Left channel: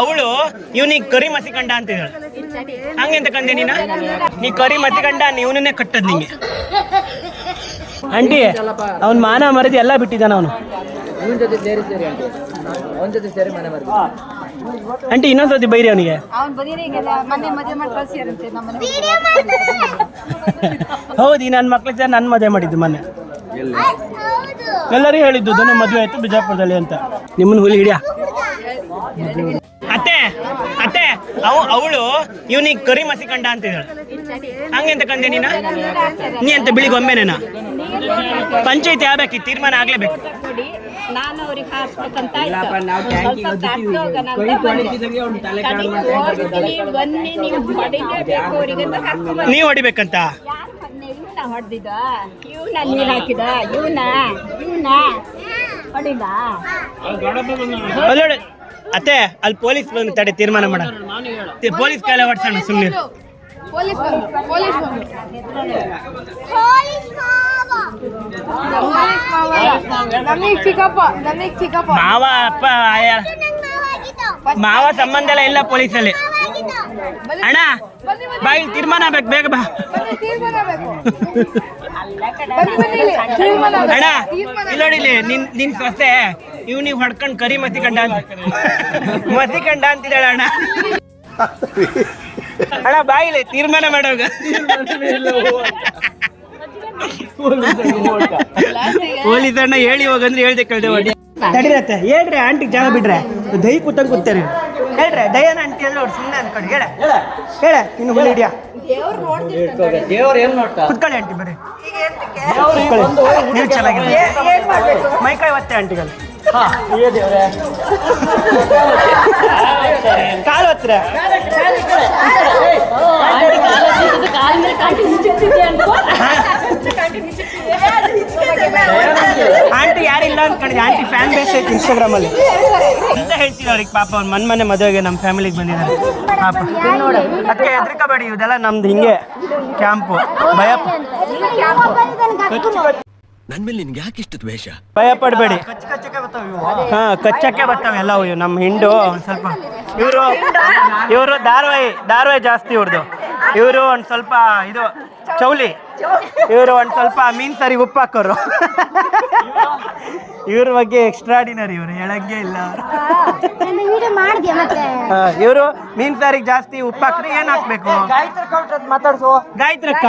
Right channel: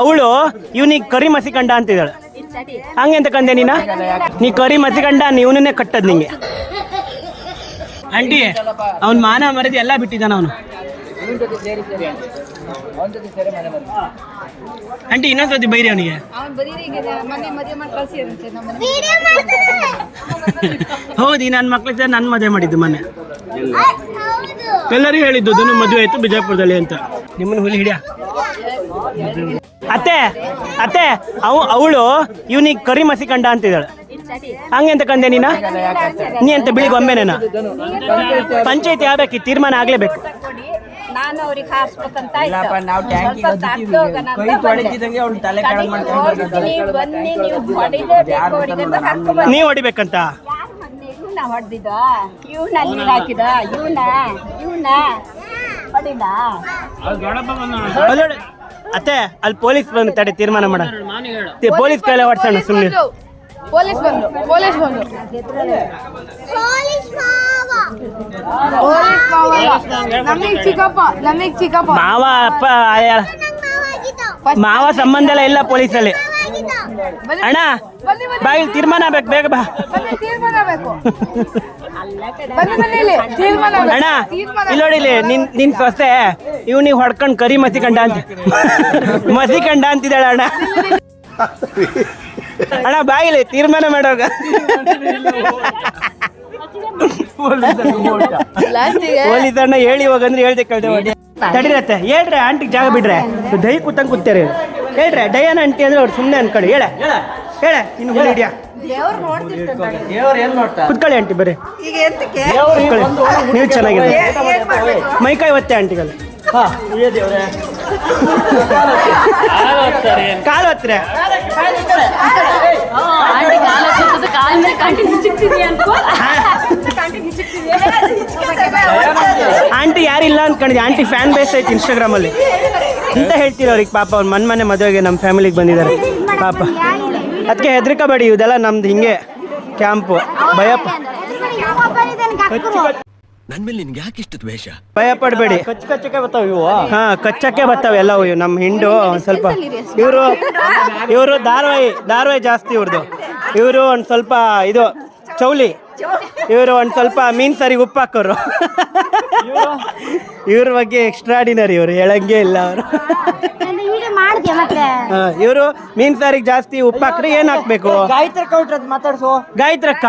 ಅವಳು ಇವನಿಗೆ ಕರಿ ಮಸಿ ಕಂಡ ಅಂತಿದ್ದಾಳೆ. ಹಂಗೆಂತ ಕಂದೆ ನೀ ಕರಿ ಮಸಿ ಕಂಡ ಇವನನ್ನೇ ಕಟ್ಟದ್ ನಿಂಗೆ. ಆಂಟಿ ಅವ್ನ್ ಮಾನ ಮರದಿ ಎಲ್ಲ ಬಿಟ್ಟಿದ್ದಾನ ಅವನು. ಆಂಟಿ ಇನ್ನೊಂದ್ಸತಿ ಬೈರಿ ಅವನಿಗೆ. ಹೌದು, ನನ್ನ ಮಕ್ಳು ಸರ್ ನನ್ನ ಮದುವೆ ಮಾಡಿದ್ದು ಮೊನ್ನೆ. ಎಲ್ಲರಿಗೂ ಹೇಳಿದ್ದು ಧನು ಮದುವೆ ಆಯ್ತು ಬಿಜಾಪುರದಲ್ಲಿ ಅಂತ. ನಿಮ್ಮನ್ನ ಹುಲಿ ಹಿಡಿಯ ಅತ್ತೆ ಅತ್ತೆ ಅವಳು ಇವನಿಗೆ ಕರಿ ಮಸಿ ಕಂಡ ಅಂತಿದ್ದಾಳೆ. ಹಂಗೆಂತ ಕಂದೆ ನೀ ಅಂತ ಬಿಳಿಗೆ ಒಮ್ಮೆನೇನ ಪಂಚಾಯತಿ ಆಗ್ಬೇಕು, ತೀರ್ಮಾನ ಆಗ್ಲೇಬೇಕು. ನೀವ್ ಹೊಡಿಬೇಕಂತ ಅತ್ತೆ ಅಲ್ಲಿ ಪೊಲೀಸ್ ಬಂದು ತಡೆ ತೀರ್ಮಾನ ಮಾಡ. ಪೊಲೀಸ್ ಕೈಲ ಹೊಡ್ಸೋಣ ಸುಮ್ಮನೆ. ಮಾವ ಅಪ್ಪ ಮಾವ ಸಂಬಂಧ ಎಲ್ಲ ಇಲ್ಲ ಪೊಲೀಸಲ್ಲಿ. ಅಣ್ಣ ಬಾಯಿ ತೀರ್ಮಾನ ಆಗ್ಬೇಕು, ಬೇಗ ಬಾ ಅಣ್ಣ. ಇಲ್ಲಿ ನೋಡಿಲಿ ನಿನ್ ಸೊಸೆ ಇವನಿಗೆ ಹೊಡ್ಕೊಂಡು ಕರಿ ಮಸಿ ಕಂಡ ಅಂತ ಮಸಿ ಕಂಡ ಅಂತಿದ್ದಾಳೆ ಅಣ್ಣ. ಅಣ್ಣ ಬಾಗಿಲಿ ತೀರ್ಮಾನ ಮಾಡೋಗ. ಪೊಲೀಸ್ ಅಣ್ಣ ಹೇಳಿ ಹೋಗಂದ್ರೆ ಹೇಳ್ದೆ ಕಳ್ದೆ ಹೊಡಿ ತಡಿರತ್ತೆ. ಹೇಳ್ರಿ ಆಂಟಿಗೆ ಜಾಗ ಬಿಡ್ರೆ ದೈ ಕೂತಂಗ್ ಕೂತಾರೆ. ಹೇಳ್ರೆ ಡಯಾನ ಆಂಟಿ ಅಂದ್ರೆ ಅವ್ರು ಸುಮ್ಮನೆ ಅನ್ಕೊಳ್ಳಿ. ಹೇಳ ಇನ್ನು ಹುಲಿ ಹಿಡಿಯ ಕುತ್ಕೊಳ್ಳಿ ಆಂಟಿ ಬರ್ರಿ. ನೀವು ಚೆನ್ನಾಗಿದೆ. ಮೈಕೈ ಒತ್ತೆ ಆಂಟಿಗಳು. ಕಾಲು ಹತ್ತಿರ ಆಂಟಿ ಯಾರಿಲ್ಲ ಅನ್ಕೊಂಡಿದ್ದೆ. ಆಂಟಿ ಫ್ಯಾನ್ ಬೇಸ್ ಐತಿ ಇನ್ಸ್ಟಾಗ್ರಾಮ್ ಅಲ್ಲಿ ಅಂತ ಹೇಳ್ತೀರ ಅವ್ರಿಗೆ. ಪಾಪ ಅವ್ರು ಮನೆ ಮದುವೆಗೆ ನಮ್ಮ ಫ್ಯಾಮಿಲಿಗೆ ಬಂದಿದ್ದಾರೆ ಪಾಪ. ಅದಕ್ಕೆ ಹೆದರ್ಕೋಬೇಡಿ, ಇದೆಲ್ಲ ನಮ್ದು ಹಿಂಗೆ ಕ್ಯಾಂಪು. ನನ್ ಮೇಲೆ ನಿನ್ಗೆ ಯಾಕೆ ಇಷ್ಟ ದ್ವೇಷ? ಭಯ ಪಡಬೇಡಿ. ಹಾ ಕಚ್ಚಕ್ಕೆ ಬರ್ತಾವೆ ಎಲ್ಲ ಇವು. ನಮ್ಮ ಹಿಂಡು ಒಂದು ಸ್ವಲ್ಪ ಇವರು ಧಾರವಾಹಿ ಜಾಸ್ತಿ ಇವ್ರದ್ದು. ಇವರು ಒಂದು ಸ್ವಲ್ಪ ಇದು ಚೌಲಿ. ಇವರು ಒಂದು ಸ್ವಲ್ಪ ಮೀನ್ ಸಾರಿ ಉಪ್ಪು ಹಾಕೋರು. ಇವ್ರ ಬಗ್ಗೆ ಎಕ್ಸ್ಟ್ರಾಡಿನರಿ. ಇವರು ಹೇಳಂಗೆ ಇಲ್ಲ ಅವರು. ಇವರು ಮೀನ್ ಸಾರಿಗೆ ಜಾಸ್ತಿ ಉಪ್ಪು ಹಾಕ್ರೆ ಏನ್ ಹಾಕ್ಬೇಕು? ಮಾತಾಡ್ಸು ಗಾಯತ್ರಕ್ಕ.